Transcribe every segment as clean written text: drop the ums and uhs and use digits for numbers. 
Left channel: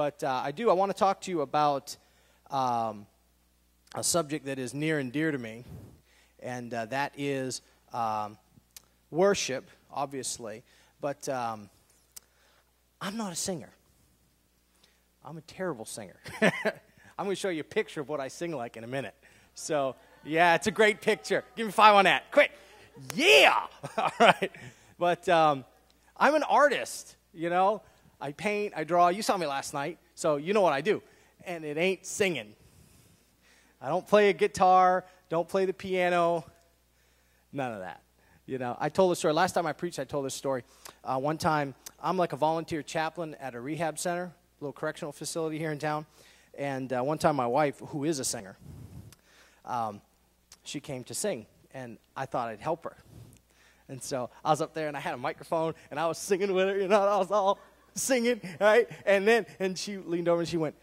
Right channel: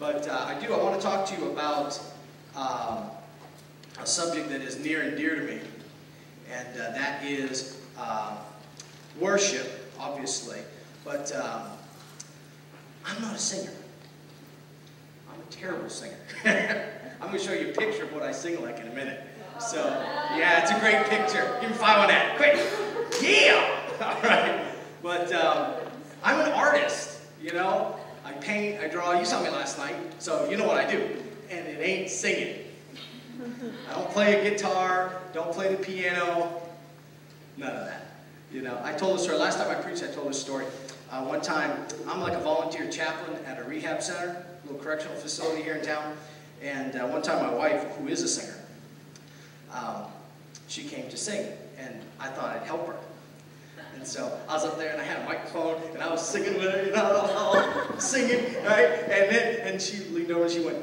But I want to talk to you about a subject that is near and dear to me, and that is worship, obviously. But I'm not a singer. I'm a terrible singer. I'm going to show you a picture of what I sing like in a minute. So, yeah, it's a great picture. Give me 5 on that. Quick. Yeah! All right. But I'm an artist, you know. I paint, I draw. You saw me last night, so you know what I do. And it ain't singing. I don't play a guitar, don't play the piano, none of that. You know, I told a story. Last time I preached, I told this story. One time, I'm like a volunteer chaplain at a rehab center, a little correctional facility here in town. And one time my wife, who is a singer, she came to sing, and I thought I'd help her. And so I was up there, and I had a microphone, and I was singing with her, you know, I was all singing, right? And she leaned over, and she went,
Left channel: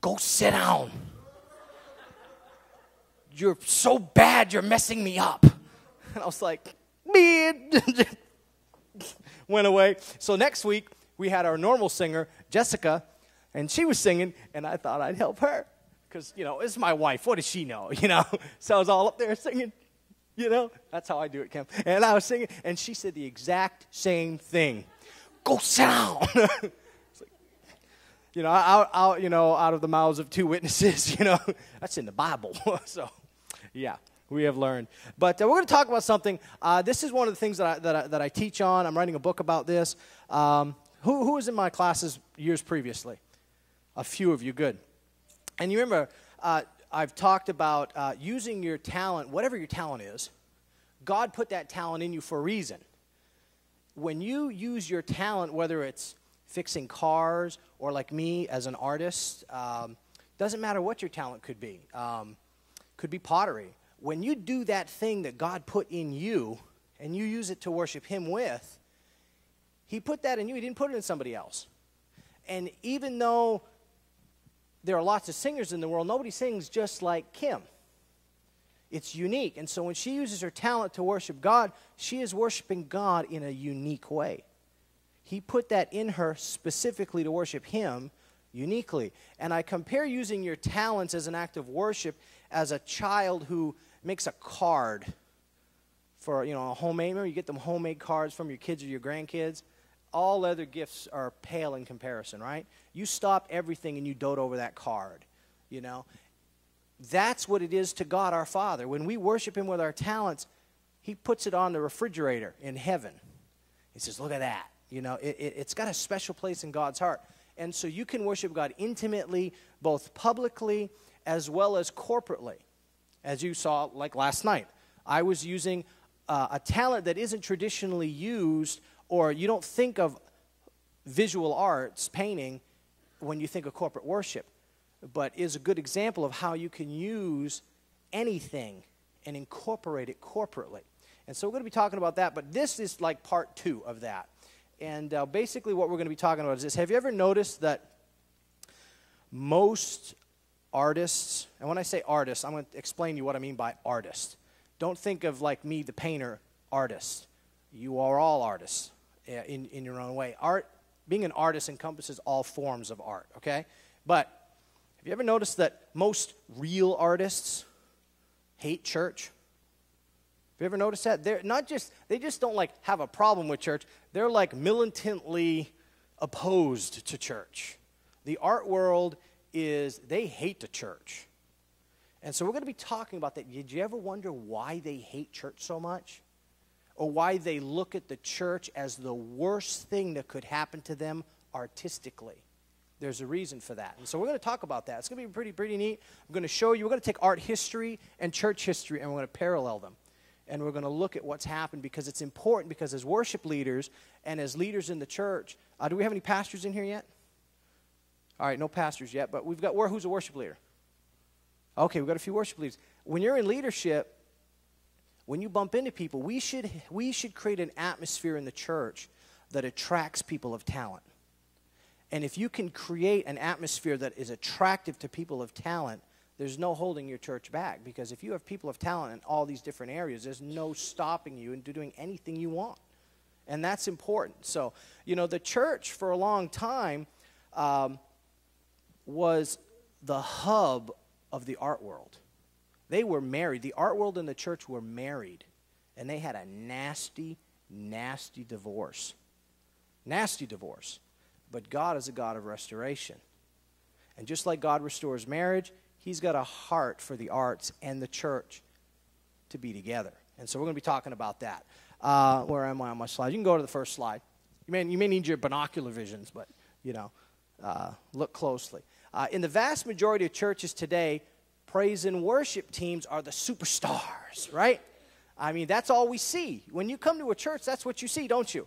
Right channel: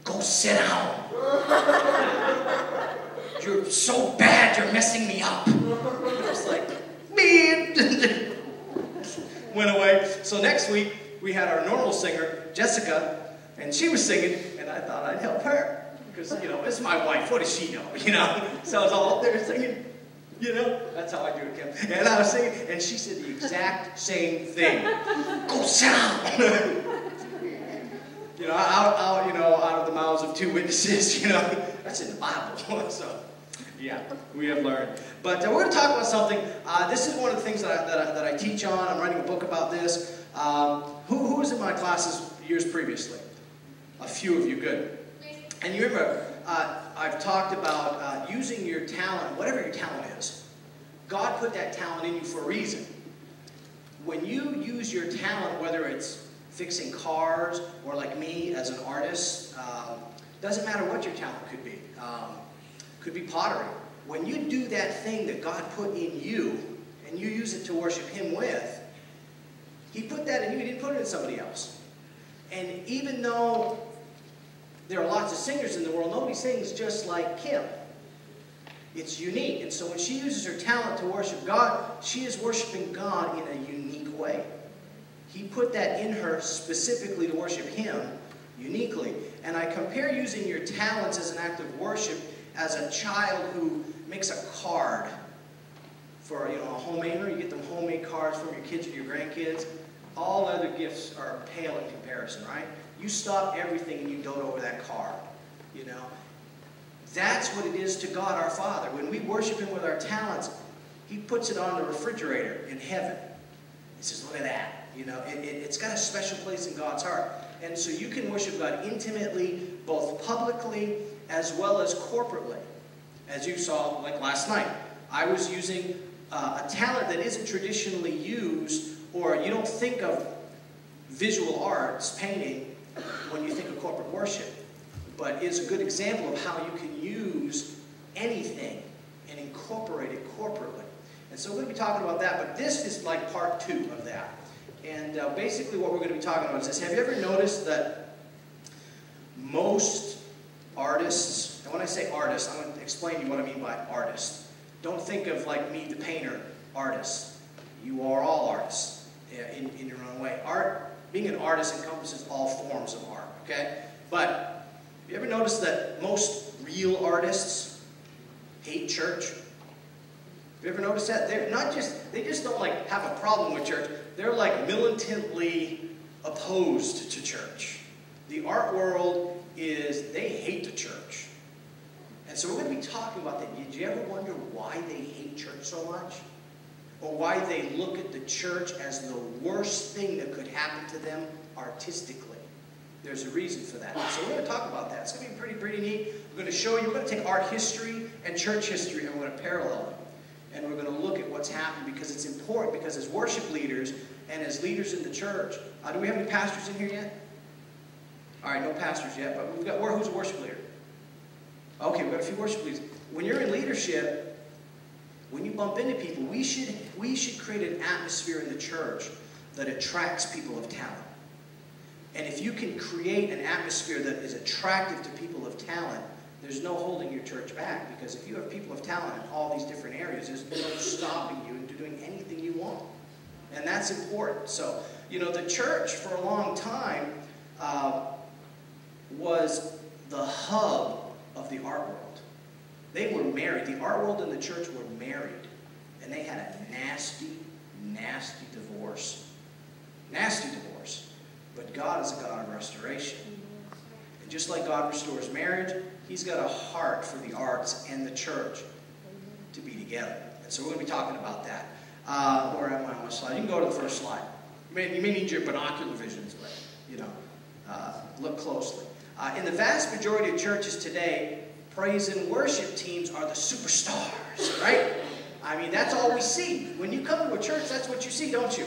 "Go sit down. You're so bad, you're messing me up." I was like, "Man." Went away. So next week, we had our normal singer, Jessica, and she was singing, and I thought I'd help her. Because, you know, it's my wife. What does she know? You know? So I was all up there singing. You know? That's how I do it, Kim. And I was singing, and she said the exact same thing. "Go sound." You know, out of the mouths of 2 witnesses, you know. That's in the Bible. So, yeah, we have learned. But we're going to talk about something. This is one of the things that I teach on. I'm writing a book about this. Who was in my classes years previously? A few of you, good. And you remember, I've talked about using your talent, whatever your talent is. God put that talent in you for a reason. When you use your talent, whether it's fixing cars or like me as an artist, doesn't matter what your talent could be. Could be pottery. When you do that thing that God put in you and you use it to worship Him with, He put that in you, He didn't put it in somebody else. And even though there are lots of singers in the world, nobody sings just like Kim. It's unique. And so when she uses her talent to worship God, she is worshiping God in a unique way. He put that in her specifically to worship Him uniquely. And I compare using your talents as an act of worship as a child who makes a card for, you know, a homemaker. You get them homemade cards from your kids or your grandkids. All other gifts are pale in comparison, right? You stop everything and you dote over that card, you know. That's what it is to God our Father. When we worship Him with our talents, He puts it on the refrigerator in heaven. He says, "Look at that." You know, it's got a special place in God's heart. And so you can worship God intimately, both publicly as well as corporately. As you saw, like last night, I was using a talent that isn't traditionally used, or you don't think of visual arts, painting, when you think of corporate worship, but is a good example of how you can use anything and incorporate it corporately. And so we're going to be talking about that, but this is like part 2 of that. And basically what we're going to be talking about is this. Have you ever noticed that most artists, and when I say artists, I'm going to explain to you what I mean by artist. Don't think of like me, the painter, artist. You are all artists in your own way. Being an artist encompasses all forms of art, okay? But you ever notice that most real artists hate church? Have you ever noticed that? They just don't like have a problem with church. They're like militantly opposed to church. The art world they hate the church. And so we're going to be talking about that. Did you ever wonder why they hate church so much? Or why they look at the church as the worst thing that could happen to them artistically? There's a reason for that. So we're going to talk about that. It's going to be pretty neat. We're going to show you, we're going to take art history and church history and we're going to parallel them. And we're going to look at what's happened because it's important, because as worship leaders and as leaders in the church, do we have any pastors in here yet? All right, no pastors yet, but we've got, who's a worship leader? Okay, we've got a few worship leaders. When you're in leadership, when you bump into people, we should create an atmosphere in the church that attracts people of talent. And if you can create an atmosphere that is attractive to people of talent, there's no holding your church back. Because if you have people of talent in all these different areas, there's no stopping you into doing anything you want. And that's important. So, you know, the church for a long time was the hub of the art world. They were married. The art world and the church were married. And they had a nasty, nasty divorce. Nasty divorce. But God is a God of restoration. And just like God restores marriage, he's got a heart for the arts and the church to be together. And so we're going to be talking about that. Where am I on my slide? You can go to the first slide. You may need your binocular visions, but, look closely. In the vast majority of churches today, praise and worship teams are the superstars, right? I mean, that's all we see. When you come to a church, that's what you see, don't you?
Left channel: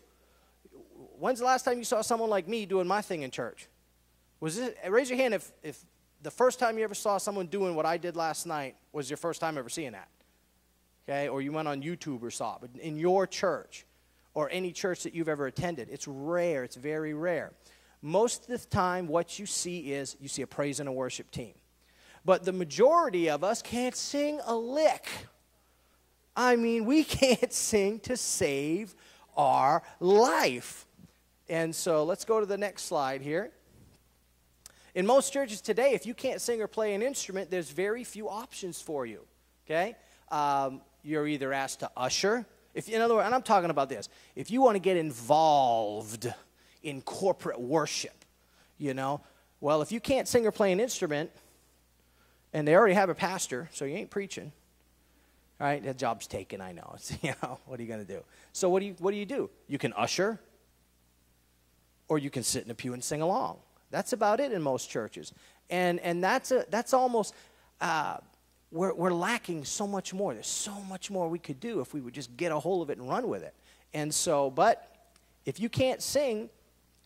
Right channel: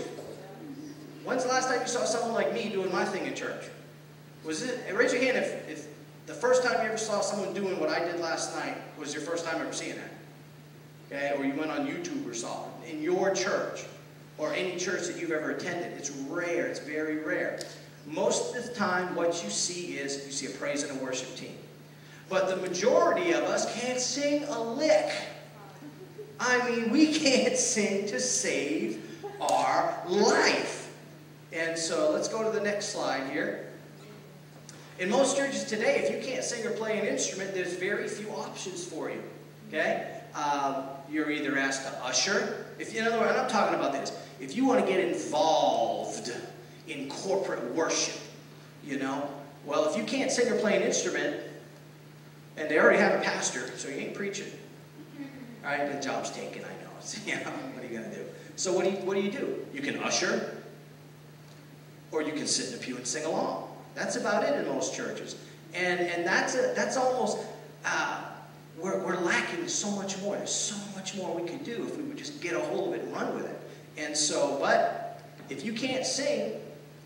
When's the last time you saw someone like me doing my thing in church? Raise your hand if the first time you ever saw someone doing what I did last night was your first time ever seeing that. Okay? Or you went on YouTube or saw it in your church or any church that you've ever attended. It's rare. It's very rare. Most of the time, what you see is you see a praise and a worship team. But the majority of us can't sing a lick. I mean, we can't sing to save our life. And so let's go to the next slide here. In most churches today, if you can't sing or play an instrument, there's very few options for you. Okay? You're either asked to usher. In other words, I'm talking about this. If you want to get involved in corporate worship, well, if you can't sing or play an instrument, and they already have a pastor, so you ain't preaching. All right, the job's taken, I know. What are you going to do? So what do you do? You can usher, or you can sit in the pew and sing along. That's about it in most churches. And that's almost, we're lacking so much more. There's so much more we could do if we would just get a hold of it and run with it. And so, but if you can't sing,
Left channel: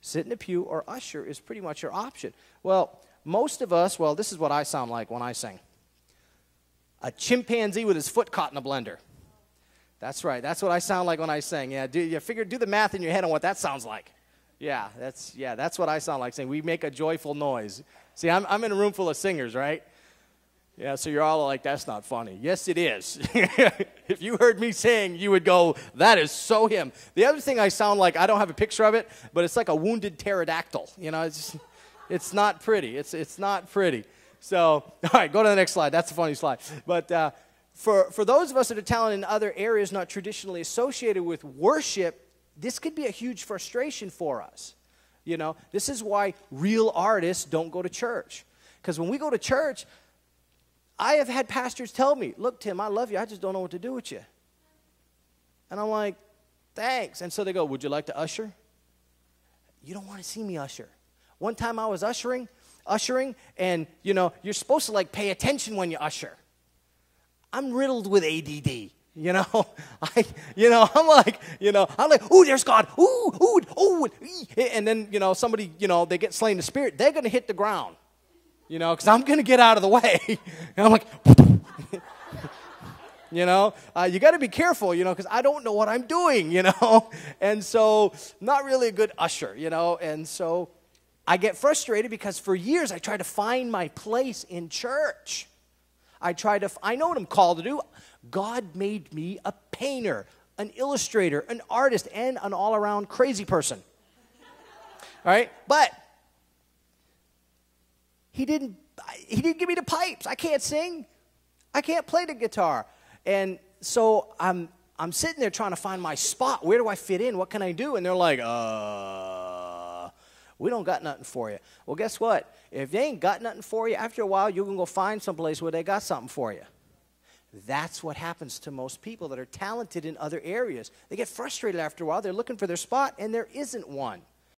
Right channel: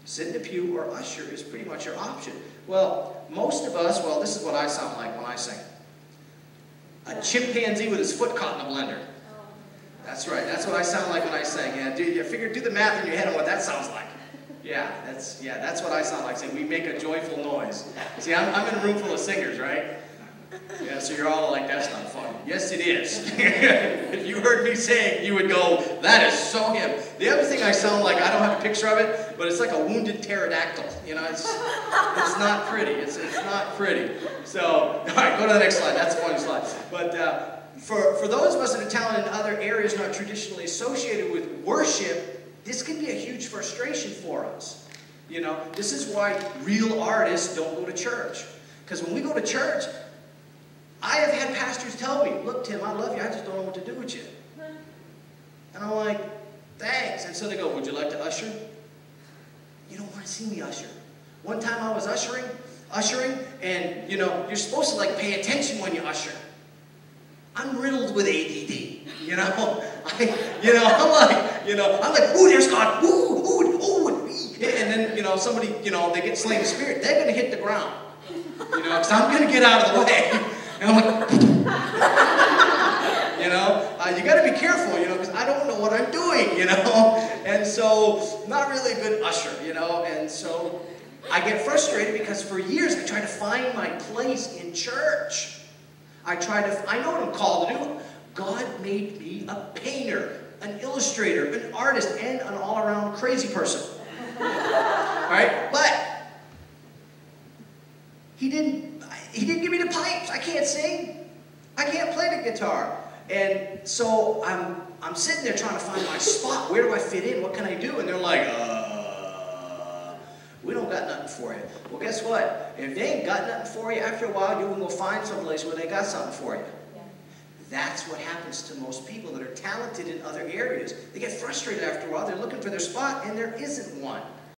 sit in the pew or usher is pretty much your option. Well, most of us, this is what I sound like when I sing. A chimpanzee with his foot caught in a blender. That's right. That's what I sound like when I sing. Yeah, do the math in your head on what that sounds like. Yeah, that's what I sound like saying. We make a joyful noise. See, I'm in a room full of singers, right? Yeah, so you're all like, that's not funny. Yes, it is. If you heard me sing, you would go, that is so him. The other thing I sound like, I don't have a picture of it, but it's like a wounded pterodactyl. It's not pretty. It's not pretty. So, all right, go to the next slide. That's a funny slide. But for those of us that are talented in other areas not traditionally associated with worship, this can be a huge frustration for us. This is why real artists don't go to church. Because when we go to church, I have had pastors tell me, look, Tim, I love you. I just don't know what to do with you. And I'm like, thanks. And so they go, would you like to usher? You don't want to see me usher. One time I was ushering, and, you're supposed to, pay attention when you usher. I'm riddled with ADD. I'm like, ooh, there's God. Ooh. And then, somebody, they get slain in the spirit. They're going to hit the ground. Because I'm going to get out of the way. And I'm like, you got to be careful, because I don't know what I'm doing, And so, not really a good usher, And so, I get frustrated because for years I tried to find my place in church. I know what I'm called to do. God made me a painter, an illustrator, an artist, and an all-around crazy person. All right? But he didn't give me the pipes. I can't sing. I can't play the guitar. And so I'm sitting there trying to find my spot. Where do I fit in? What can I do? And they're like, we don't got nothing for you. Well, guess what? If they ain't got nothing for you, after a while, you can go find someplace where they got something for you. That's what happens to most people that are talented in other areas. They get frustrated after a while. They're looking for their spot, and there isn't one.